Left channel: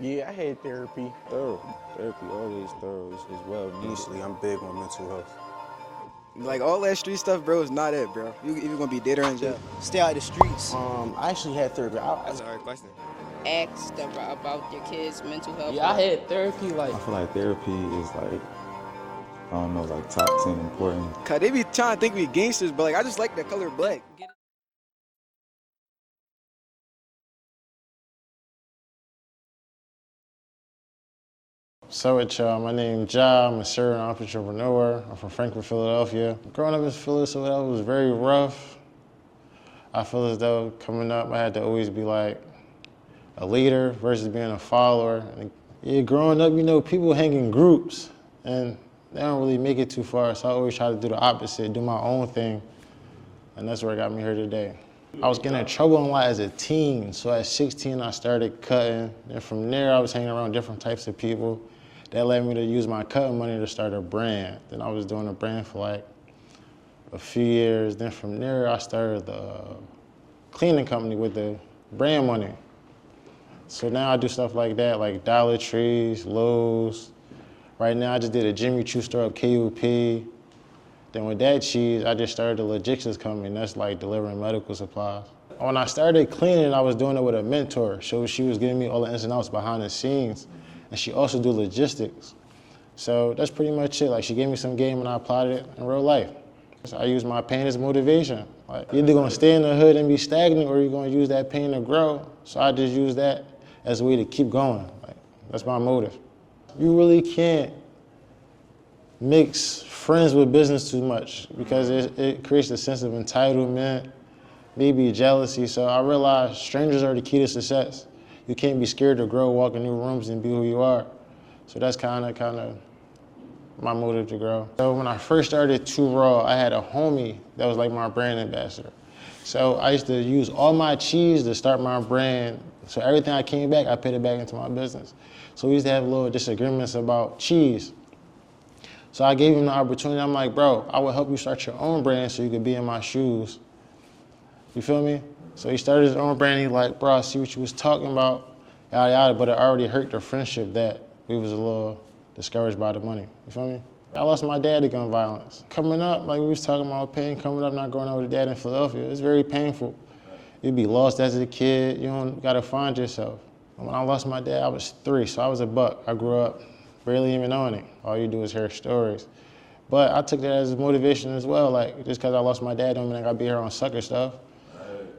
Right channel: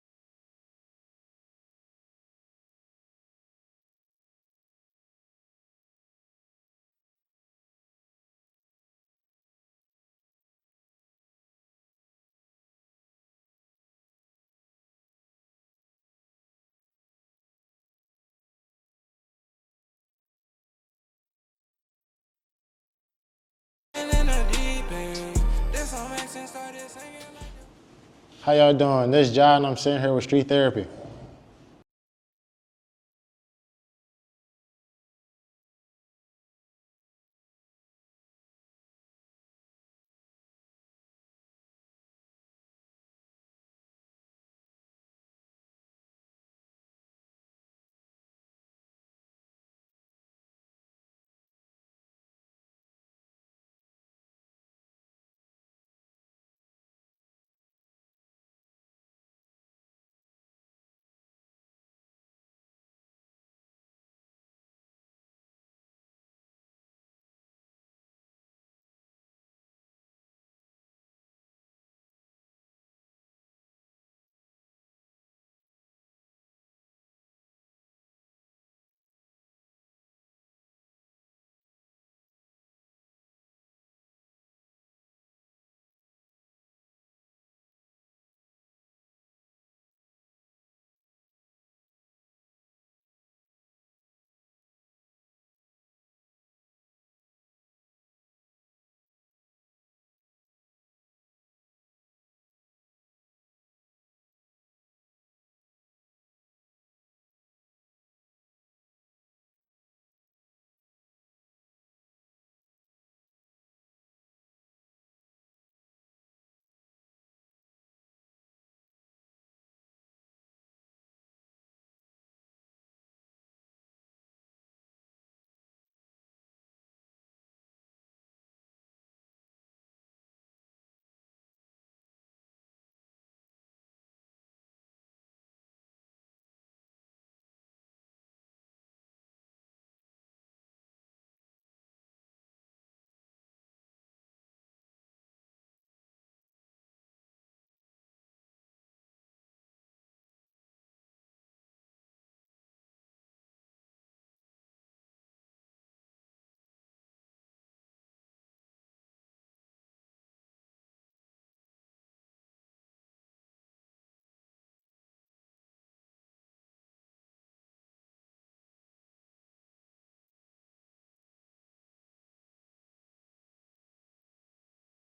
Yeah, I had therapy. Thorough. Therapy always thorough as well. Initially, I'm big on mental health. Like all that street stuff, bro, is not it, bro. You either gonna be dead or in jail. Stay out of the streets. I actually had therapy. That's a hard question. Ask about your kids' mental health. Yeah, I had therapy. Like, I feel like therapy is like, I don't know, like top 10 important. Cause they be trying to think we gangsters, but like I just like the color black. How y'all doing? This is JHY and I'm sitting here with Street Therapy. So with y'all, my name is JHY, I'm a serial entrepreneur. I'm from Frankfurt, Philadelphia. Growing up in Philadelphia was very rough. I feel as though coming up, I had to always be like a leader versus being a follower. And yeah, growing up, you know, people hang in groups and they don't really make it too far. So I always try to do the opposite, do my own thing. And that's what got me here today. I was getting in trouble a lot as a teen. So at 16, I started cutting. And from there, I was hanging around different types of people. That led me to use my cutting money to start a brand. Then I was doing a brand for like a few years. Then from there, I started the cleaning company with the brand money. So now I do stuff like that, like Dollar Trees, Lowe's. Right now, I just did a Jimmy Choo store up KUP. Then with that cheese, I just started a logistics company, and that's like delivering medical supplies. When I started cleaning, I was doing it with a mentor. So she was giving me all the ins and outs behind the scenes, and she also do logistics. So that's pretty much it. Like she gave me some game and I applied it in real life. So I use my pain as motivation. Like you're either gonna stay in the hood and be stagnant or you're gonna use that pain to grow. So I just use that as a way to keep going. Like that's my motive. You really can't mix friends with business too much because it creates a sense of entitlement, maybe jealousy. So I realized strangers are the key to success. You can't be scared to grow, walk in new rooms and be who you are. So that's kind of my motive to grow. So when I first started Too Raw, I had a homie that was like my brand ambassador. So I used to use all my cheese to start my brand. So everything I came back, I put it back into my business. So we used to have little disagreements about cheese. So I gave him the opportunity. I'm like, bro, I will help you start your own brand so you could be in my shoes. You feel me? So he started his own brand. He's like, bro, I see what you was talking about, yada, yada, but it already hurt the friendship that we was a little discouraged by the money. You feel me? I lost my dad to gun violence. Coming up, like we was talking about pain, coming up, not growing up with a dad in Philadelphia, it's very painful. You'd be lost as a kid. You don't gotta find yourself. When I lost my dad, I was 3, so I was a buck. I grew up barely even knowing it. All you do is hear stories. But I took that as motivation as well. Like, just because I lost my dad don't mean I gotta be here on sucker stuff.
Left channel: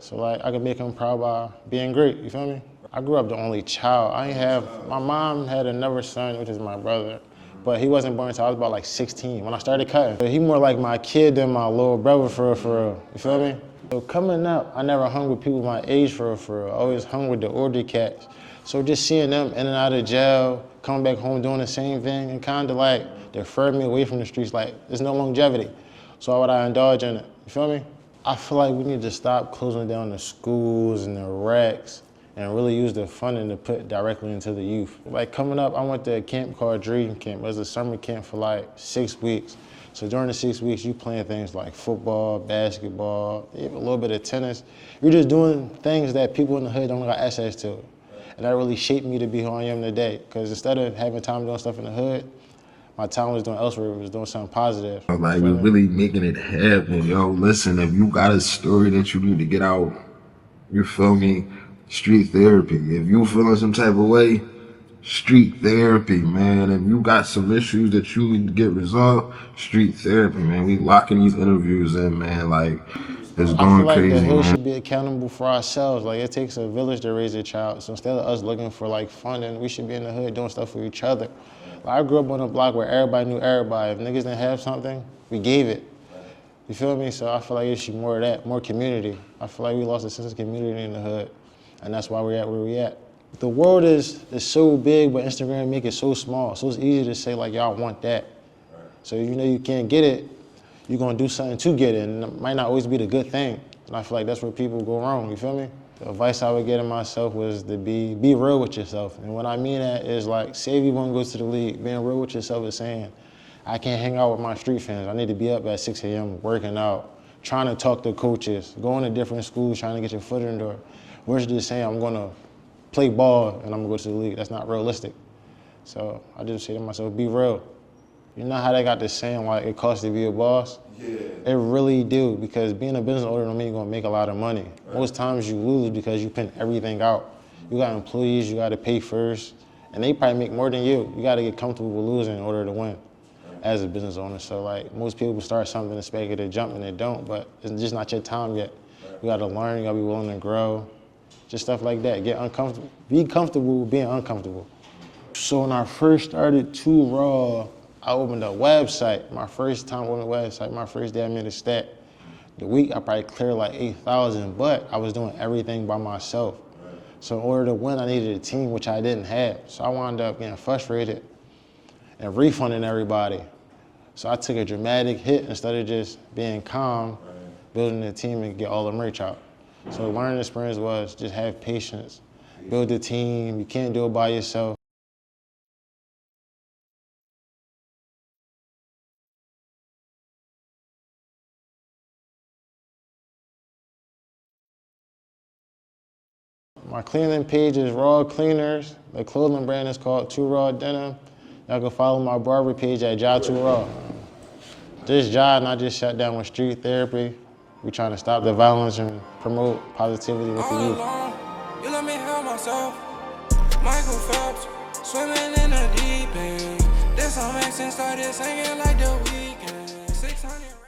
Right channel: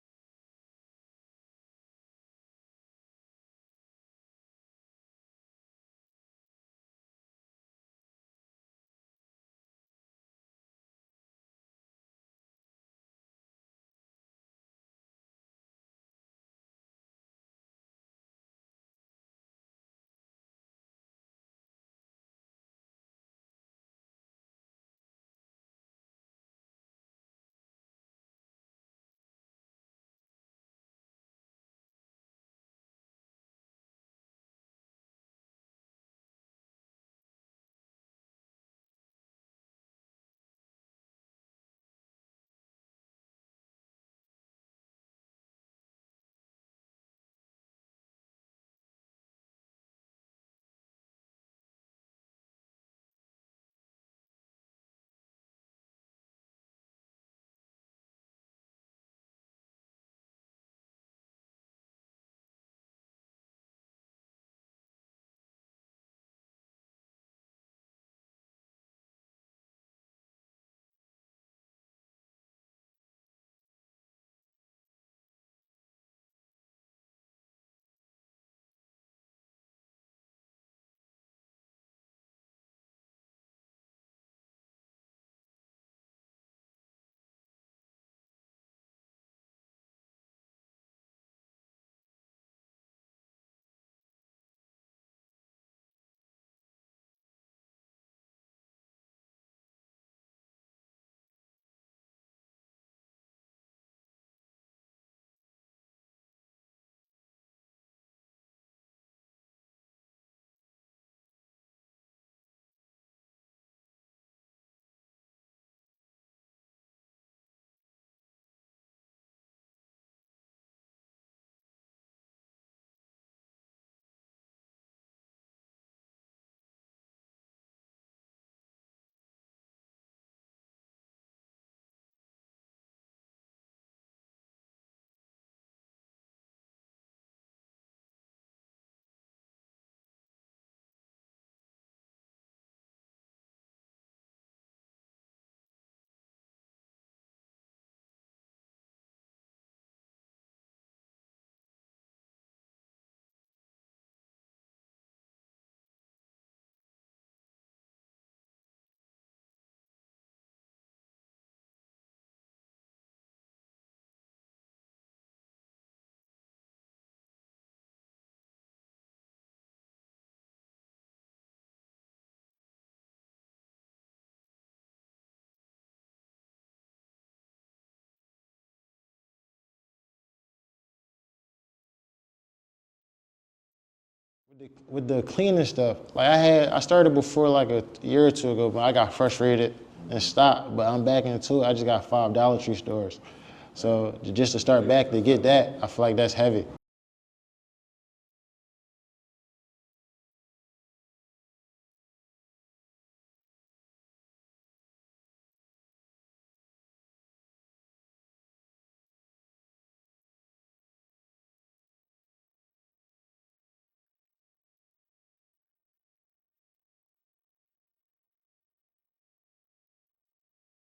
So like, I could make him proud by being great, you feel me? I grew up the only child. My mom had another son, which is my brother, but he wasn't born until I was about like 16 when I started cutting. He more like my kid than my little brother for real, you feel me? So coming up, I never hung with people my age for real. I always hung with the older cats. So just seeing them in and out of jail, coming back home doing the same thing, and kind of like deferred me away from the streets, like there's no longevity. So why would I indulge in it, you feel me? I feel like we need to stop closing down the schools and the racks and really use the funding to put directly into the youth. Like coming up, I went to a camp called Dream Camp. It was a summer camp for like 6 weeks. So during the 6 weeks, you playing things like football, basketball, even a little bit of tennis. You're just doing things that people in the hood don't got access to. And that really shaped me to be who I am today. Because instead of having time doing stuff in the hood, my time was doing elsewhere, was doing something positive. Like, we're really making it happen, yo. Listen, if you got a story that you need to get out, you feel me? Street therapy. If you feeling some type of way, street therapy, man. If you got some issues that you need to get resolved, street therapy, man. We locking these interviews in, man. Like, it's I going feel like crazy, the hood man. should be accountable for ourselves. Like it takes a village to raise a child. So instead of us looking for like funding, we should be in the hood doing stuff for each other. Like, I grew up on a block where everybody knew everybody. If niggas didn't have something, we gave it. You feel me? So I feel like it should be more of that, more community. I feel like we lost a sense of community in the hood, and that's why we're at where we at. The world is so big, but Instagram make it so small. So it's easy to say like, y'all want that. So you know you can't get it, you're gonna do something to get it, and it might not always be the good thing. And I feel like that's where people go wrong, you feel me? The advice I would give to myself was to be real with yourself. And what I mean that is like, say if you wanna go to the league, being real with yourself is saying, I can't hang out with my street fans. I need to be up at 6 a.m. working out, trying to talk to coaches, going to different schools, trying to get your foot in the door. Versus just saying I'm gonna play ball and I'm gonna go to the league. That's not realistic. So I just say to myself, be real. You know how they got this saying like it costs to be a boss? Yeah. It really do, because being a business owner don't mean you're gonna make a lot of money. Right. Most times you lose because you pin everything out. You got employees you gotta pay first, and they probably make more than you. You gotta get comfortable with losing in order to win as a business owner. So like most people start something expecting to jump and they don't, but it's just not your time yet. You gotta learn, you gotta be willing to grow, just stuff like that. Get uncomfortable, be comfortable with being uncomfortable. So when I first started Too Raw, I opened a website. My first time opening a website, my first day I made a stat. The week I probably cleared like 8,000, but I was doing everything by myself. So in order to win, I needed a team, which I didn't have. So I wound up getting frustrated and refunding everybody. So I took a dramatic hit instead of just being calm, building a team and get all the merch out. So the learning experience was just have patience, build a team. You can't do it by yourself. With the cleaning stuff, like I started before like a year or two ago, but I got frustrated and stopped. But I'm back into it. I just got 5 Dollar Tree stores. So just to start back to get that, I feel like that's heavy. My cleaning page is Raw Cleaners. The clothing brand is called Too Raw Denim. Y'all can follow my barber page at JHY Too Raw. This job, not just shut down with street therapy. We trying to stop the violence and promote positivity with the youth. You let me help myself. Michael Phelps, swimming in the deep end. This song makes sense, started singing like the weekend. 600.